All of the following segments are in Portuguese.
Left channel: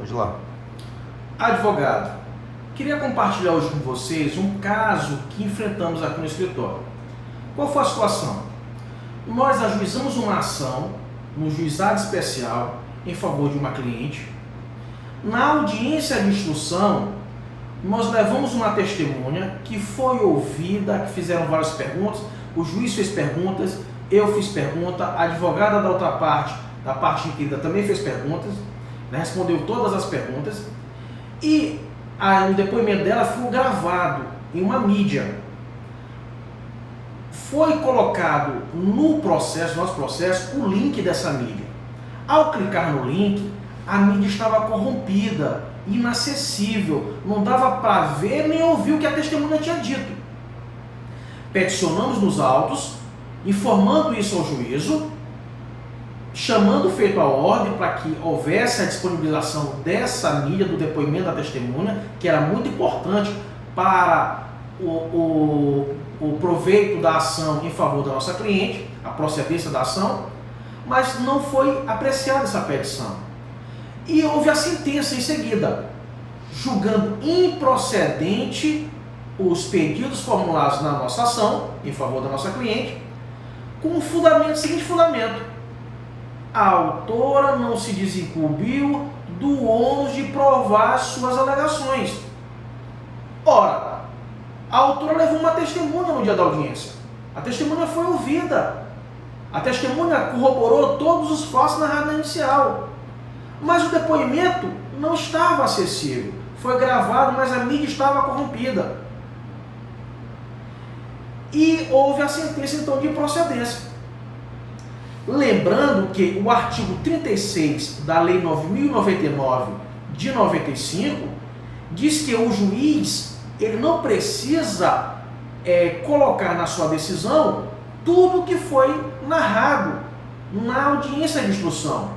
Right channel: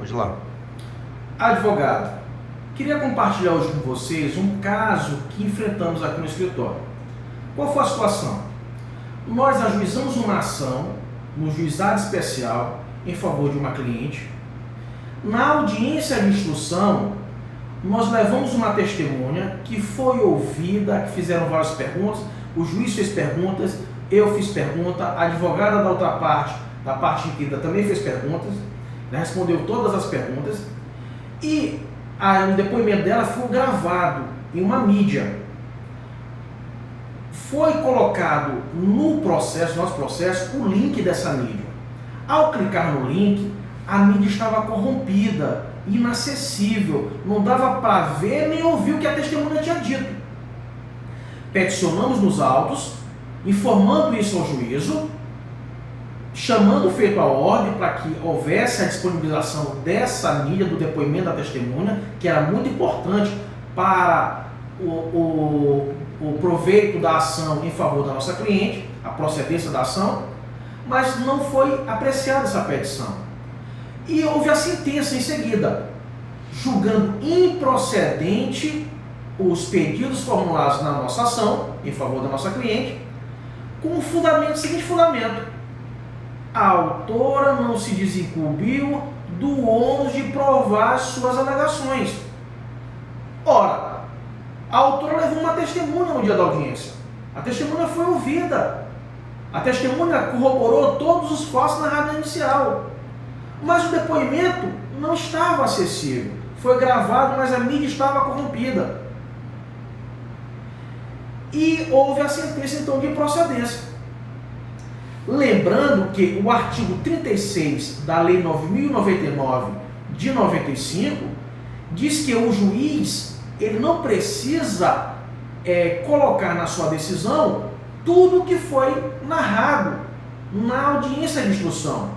Pode ir lá. Advogado, queria compartilhar hoje com vocês um caso que enfrentamos aqui no escritório. Qual foi a situação? Nós ajuizamos uma ação no juizado especial em favor de uma cliente. Na audiência de instrução, nós levamos uma testemunha que foi ouvida, que fizeram várias perguntas, o juiz fez perguntas, eu fiz pergunta, a advogada da outra parte, da parte inquirida, também fez perguntas, respondeu todas as perguntas, e o depoimento dela foi gravado em uma mídia. Foi colocado no processo, nosso processo, o link dessa mídia. Ao clicar no link, a mídia estava corrompida, inacessível, não dava para ver nem ouvir o que a testemunha tinha dito. Peticionamos nos autos, informando isso ao juízo, chamando o feito à ordem para que houvesse a disponibilização dessa mídia, do depoimento da testemunha, que era muito importante para o proveito da ação em favor da nossa cliente, a procedência da ação, mas não foi apreciada essa petição. E houve a sentença em seguida, julgando improcedente os pedidos formulados na nossa ação, em favor da nossa cliente, com o seguinte fundamento: a autora não se desincumbiu do ônus de provar suas alegações. Ora, a autora levou uma testemunha no dia da audiência. A testemunha foi ouvida. A testemunha corroborou todos os fatos narrados na inicial. Mas o depoimento não estava acessível. Foi gravado, mas a mídia estava corrompida. E houve a sentença, então, de improcedência. Lembrando que o artigo 36 da Lei 9.099 de 95 diz que o juiz ele não precisa colocar na sua decisão tudo o que foi narrado na audiência de instrução,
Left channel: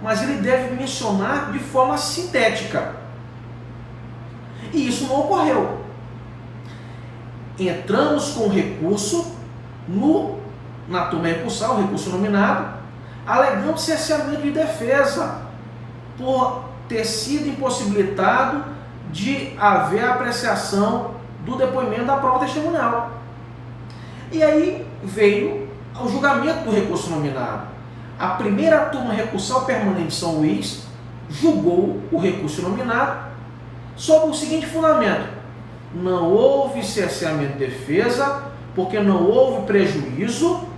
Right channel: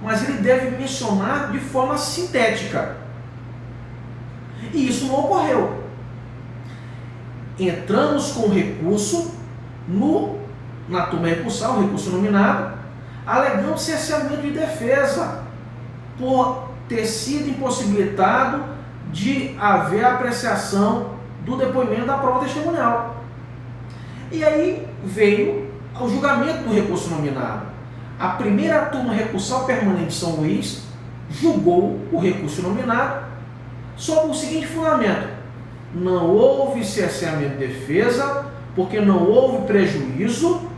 mas ele deve mencionar de forma sintética. E isso não ocorreu. Entramos com recurso na turma recursal, recurso nominado, alegando cerceamento de defesa por ter sido impossibilitado de haver apreciação do depoimento da prova testemunial. E aí veio o julgamento do recurso nominado. A primeira turma recursal permanente de São Luís julgou o recurso nominado sob o seguinte fundamento: não houve cerceamento de defesa porque não houve prejuízo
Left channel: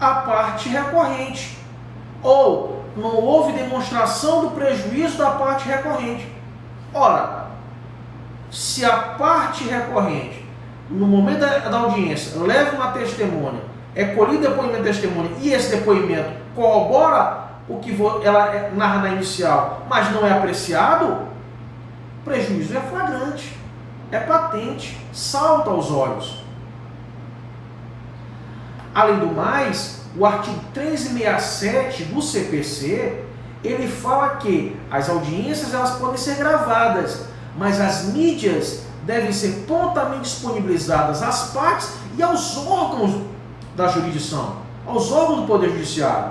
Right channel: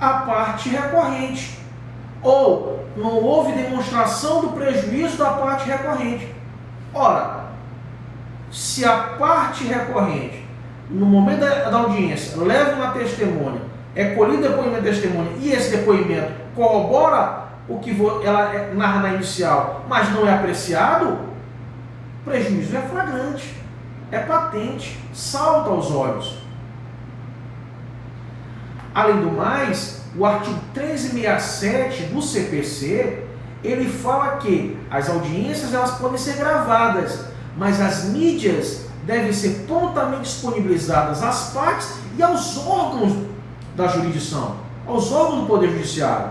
à parte recorrente, ou não houve demonstração do prejuízo da parte recorrente. Ora, se a parte recorrente, no momento da audiência, leva uma testemunha, é colhido o depoimento da testemunha e esse depoimento corrobora o que ela narra na inicial, mas não é apreciado, o prejuízo é flagrante, é patente, salta aos olhos. Além do mais, o artigo 1367 do CPC, ele fala que as audiências elas podem ser gravadas, mas as mídias devem ser prontamente disponibilizadas às partes e aos órgãos da jurisdição, aos órgãos do Poder Judiciário,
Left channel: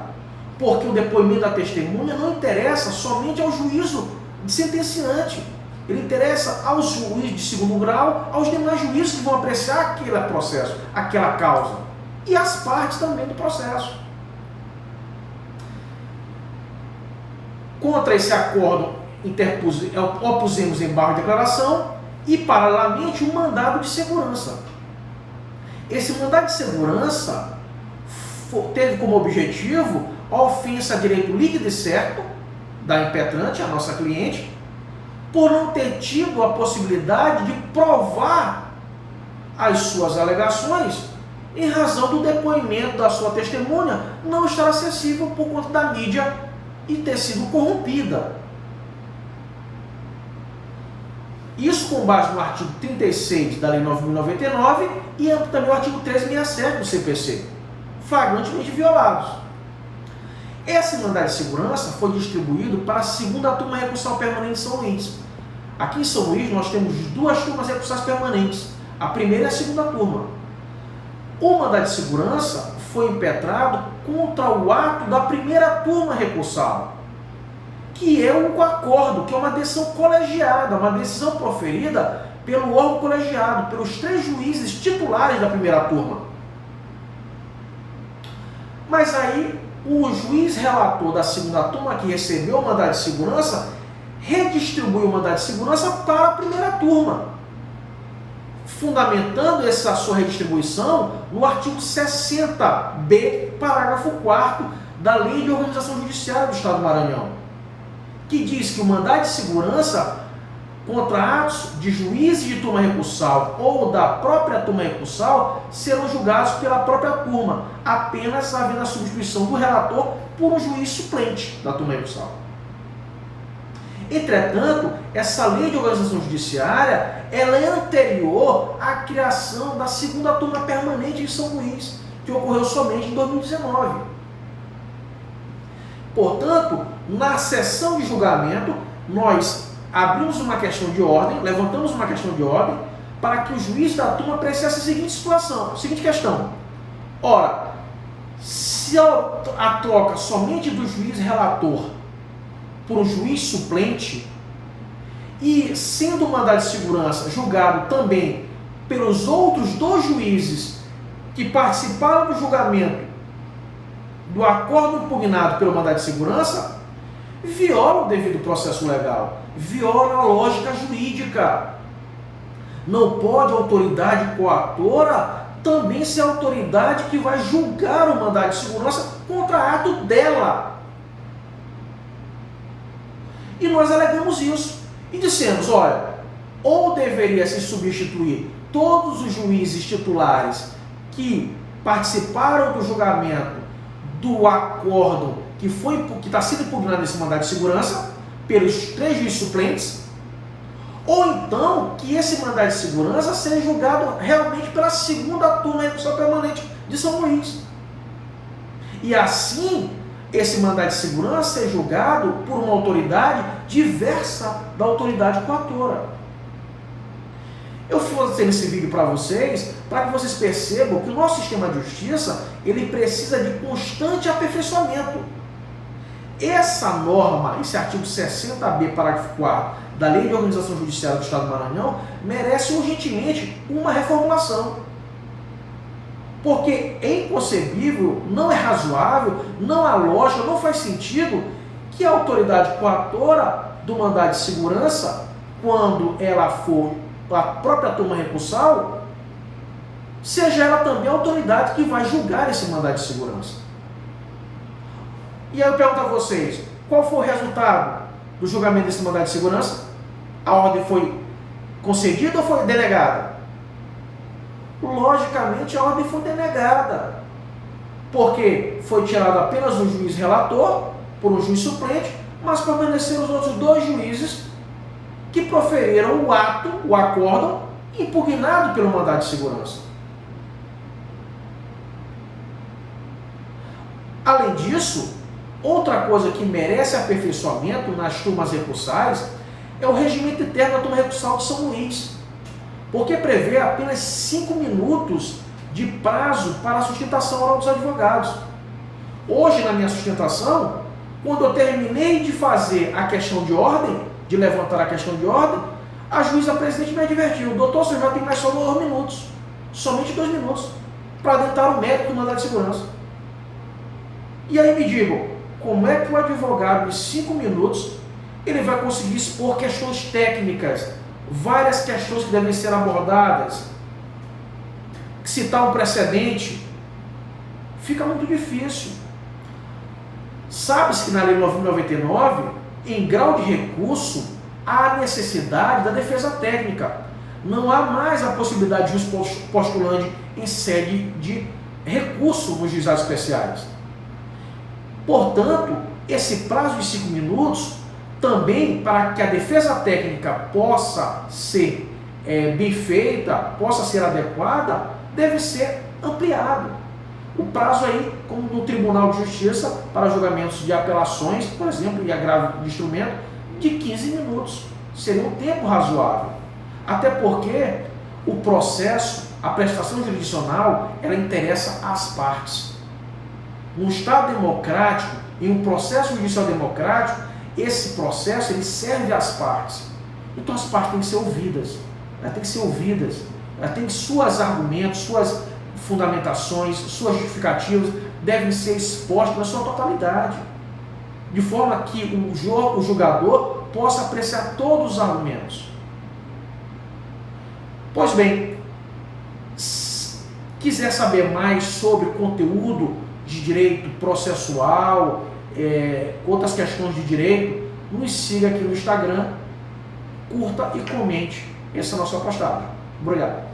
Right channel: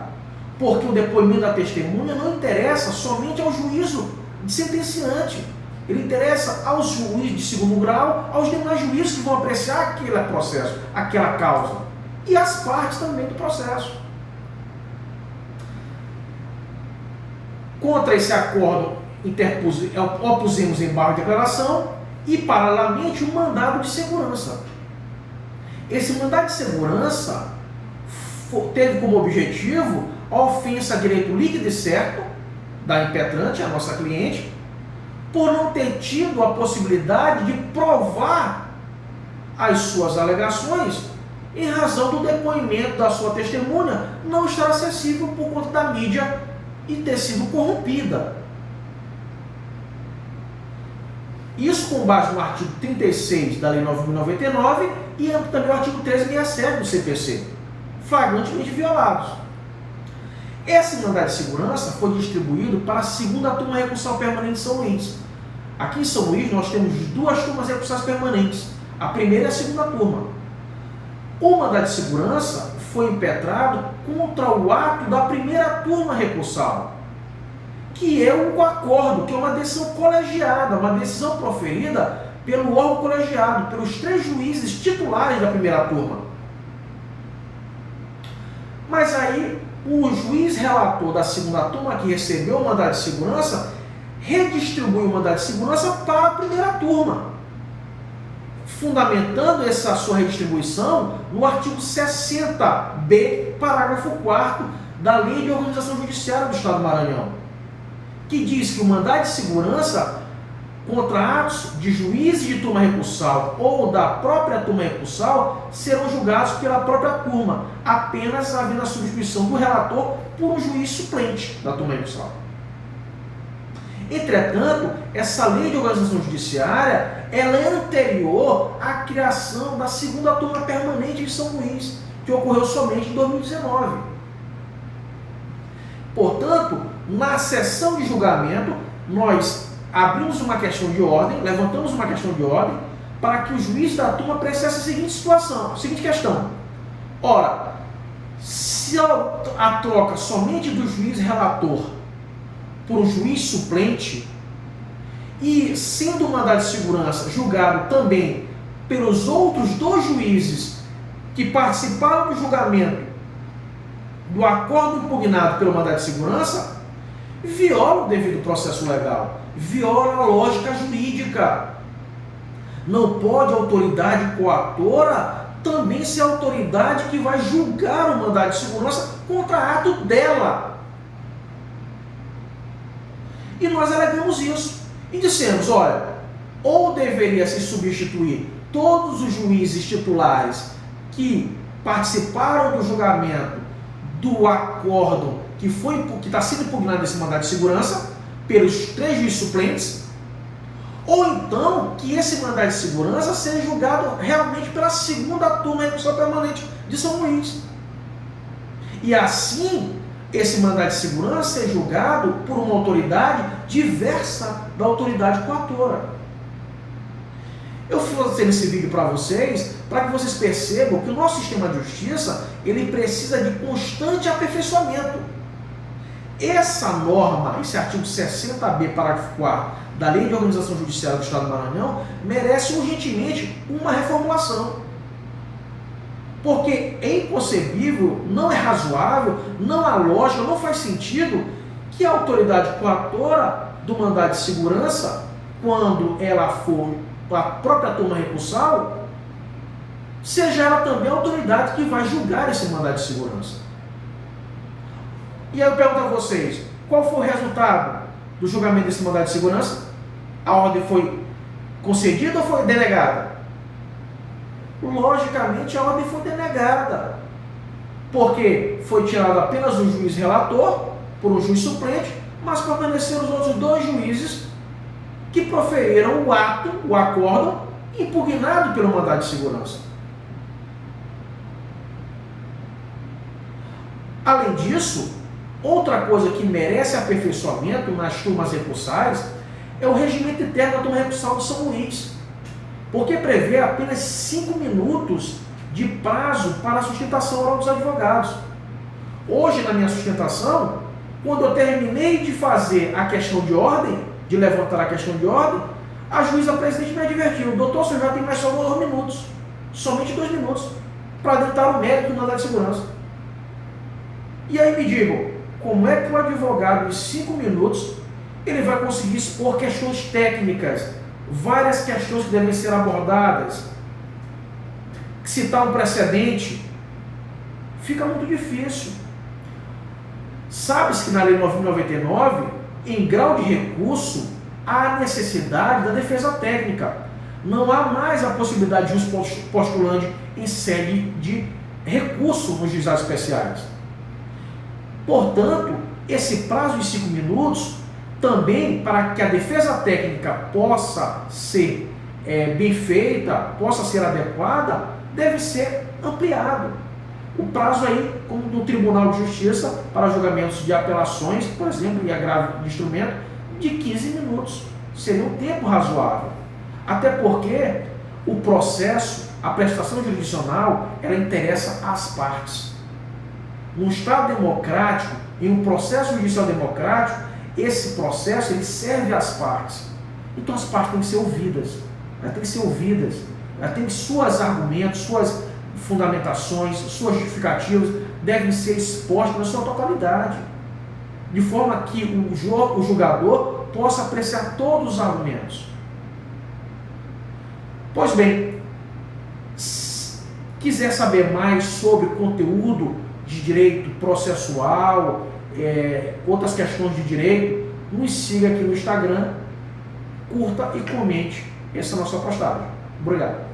porque o depoimento da testemunha não interessa somente ao juízo sentenciante, ele interessa aos juízes de segundo grau, aos demais juízes que vão apreciar aquele processo, aquela causa, e às partes também do processo. Contra esse acordo, opusemos embargo de declaração e, paralelamente, um mandado de segurança. Esse mandado de segurança teve como objetivo a ofensa a direito líquido e certo da impetrante, a nossa cliente, por não ter tido a possibilidade de provar as suas alegações em razão do depoimento da sua testemunha não estar acessível por conta da mídia e ter sido corrompida. Isso com base no artigo 36 da Lei 9.099 e também o artigo 1367 do CPC, flagrantemente violados. Esse mandado de segurança foi distribuído para a segunda turma recursal permanente de São Luís. Aqui em São Luís nós temos duas turmas recursais permanentes, a primeira e a segunda turma. O mandado de segurança foi impetrado contra o ato da primeira turma recursal. que é o acordo, que é uma decisão colegiada, uma decisão proferida pelo órgão colegiado, pelos 3 juízes titulares da primeira turma. Mas aí, o juiz relator da segunda turma, que recebeu o mandado de segurança, redistribui o mandado de segurança para a primeira turma, fundamentando essa sua redistribuição no artigo 60b, parágrafo 4º da Lei de Organização Judiciária do Estado do Maranhão, que diz que o mandado de segurança contra atos de juízes de turma recursal ou da própria turma recursal serão julgados pela própria turma, apenas havendo a substituição do relator por um juiz suplente da turma recursal. Entretanto, essa lei de organização judiciária ela é anterior à criação da segunda turma permanente em São Luís, que ocorreu somente em 2019. Portanto, na sessão de julgamento, nós abrimos uma questão de ordem, levantamos uma questão de ordem, para que o juiz da turma apreciasse a seguinte situação, a seguinte questão. Ora, se a troca somente do juiz relator por um juiz suplente, e sendo o mandado de segurança julgado também pelos outros 2 juízes que participaram do julgamento do acordo impugnado pelo mandado de segurança, viola o devido processo legal, viola a lógica jurídica. Não pode a autoridade coatora também ser a autoridade que vai julgar o mandado de segurança contra ato dela. E nós alegamos isso. E dissemos, olha, ou deveria se substituir todos os juízes titulares que participaram do julgamento do acordo que está sendo impugnado nesse mandado de segurança pelos 3 juízes suplentes, ou então que esse mandado de segurança seja julgado realmente pela segunda turma recursal permanente de São Luís. E assim, esse mandado de segurança ser julgado por uma autoridade diversa da autoridade coatora. Eu estou fazendo esse vídeo para vocês, para que vocês percebam que o nosso sistema de justiça, ele precisa de constante aperfeiçoamento. Essa norma, esse artigo 60b, parágrafo 4º, da Lei de Organização Judiciária do Estado do Maranhão, merece urgentemente uma reformulação. Porque é inconcebível, não é razoável, não há lógica, não faz sentido que a autoridade coatora do mandado de segurança, quando ela for a própria turma recursal, seja ela também a autoridade que vai julgar esse mandado de segurança. E aí eu pergunto a vocês, qual foi o resultado do julgamento desse mandado de segurança? A ordem foi concedida ou foi denegada? Logicamente a ordem foi denegada, porque foi tirado apenas o juiz relator por um juiz suplente, mas permaneceram os outros 2 juízes que proferiram o ato, o acordo, impugnado pelo mandado de segurança. Além disso, outra coisa que merece aperfeiçoamento nas turmas recursais é o regimento interno da turma recursal de São Luís, porque prevê apenas 5 minutos de prazo para a sustentação oral dos advogados. Hoje, na minha sustentação, quando eu terminei de fazer a questão de ordem, de levantar a questão de ordem, a juíza presidente me advertiu, doutor, você já tem mais só 2 minutos, somente 2 minutos, para adentrar o mérito do mandado de segurança. E aí me digam, como é que o advogado, em 5 minutos, ele vai conseguir expor questões técnicas, várias questões que devem ser abordadas, citar um precedente? Fica muito difícil. Sabe-se que na Lei 9.099, em grau de recurso, há necessidade da defesa técnica. Não há mais a possibilidade de juiz postulante em sede de recurso nos juizados especiais. Portanto, esse prazo de 5 minutos, também para que a defesa técnica possa ser bem feita, possa ser adequada, deve ser ampliado. O prazo aí, como no Tribunal de Justiça, para julgamentos de apelações, por exemplo, e agravo de instrumento, de 15 minutos. Seria um tempo razoável. Até porque o processo, a prestação jurisdicional, ela interessa às partes. Num Estado democrático, em um processo judicial democrático, esse processo ele serve às partes. Então as partes têm que ser ouvidas. Elas têm que ser ouvidas. Elas têm que suas argumentos, suas fundamentações, suas justificativas devem ser expostas na sua totalidade, de forma que o julgador possa apreciar todos os argumentos. Pois bem, se quiser saber mais sobre o conteúdo de direito processual, outras questões de direito, nos siga aqui no Instagram, curta e comente essa nossa postagem. Obrigado.